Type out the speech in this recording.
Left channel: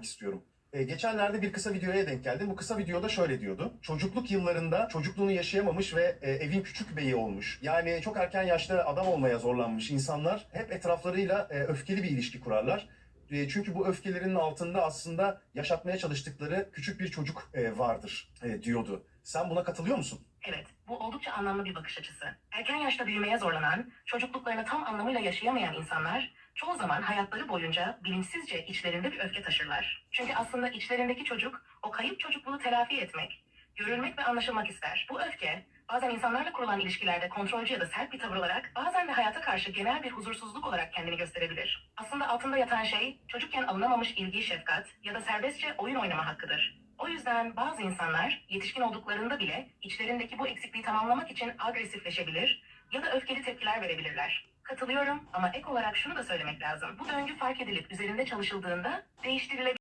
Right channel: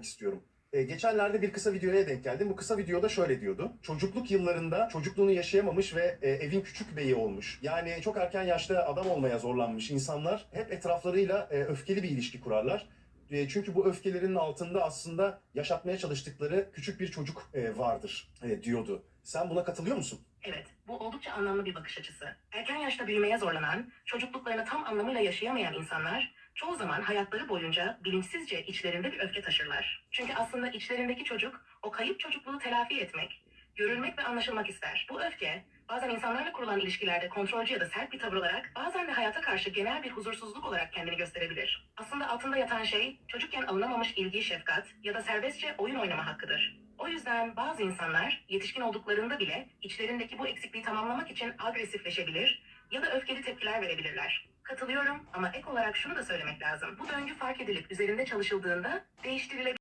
sormak istiyorum. Ee, geçenlerde bir kısa videoya denk geldim. Bu kısa videoda şöyle diyordu. Çocukluk yıllarında çocukluğunu yaşayamamış ve e, evin küçük beyi olmuş. Yani çok erken yaşta adam olmaya zorlanmış insanlar hep etraflarıyla e, öfkeli bir ilişki kurarlar. E, çünkü bu öfkelerinin altında aslında yaşatmaya çalıştıkları küçük bir çocuk e, vardır e, diyordu. Sen buna katılıyor musun? Evet, bu oldukça anlamlı bir bakış açısı. Erken yaşta büyümeye zorlanan, çocukluklarını tam anlamıyla yaşayamayan insanlar çoğu zaman hayatları boyunca bilinçsizce içlerinde bir öfke taşırlar. Çünkü aslında içlerindeki çocuk o kayıp çocukluğu telafi etmek, görülmek ve anlaşılmak ister. Bu öfke bazen insanlarla kurulan ilişkilerde kontrolcü ya da sert bir tavır olarak bazen de hayata karşı genel bir huzursuzluk olarak kendini gösterebilir. Aslında altında yatan şey çocukken alınamamış ilgi, şefkat ya da serbestçe oyun oynama hakkıdır. O yüzden bazı insanlar yetişkin olduklarında bile içlerindeki bu eksikliği tamamlamak için agresifleşebilir ya da öfkeli tepkiler verebilirler. Katılıyorum ama ek olarak şunu da söylemek lazım. Bu döngü fark edilip üzerinde çalışıldığında değiştirilebilir.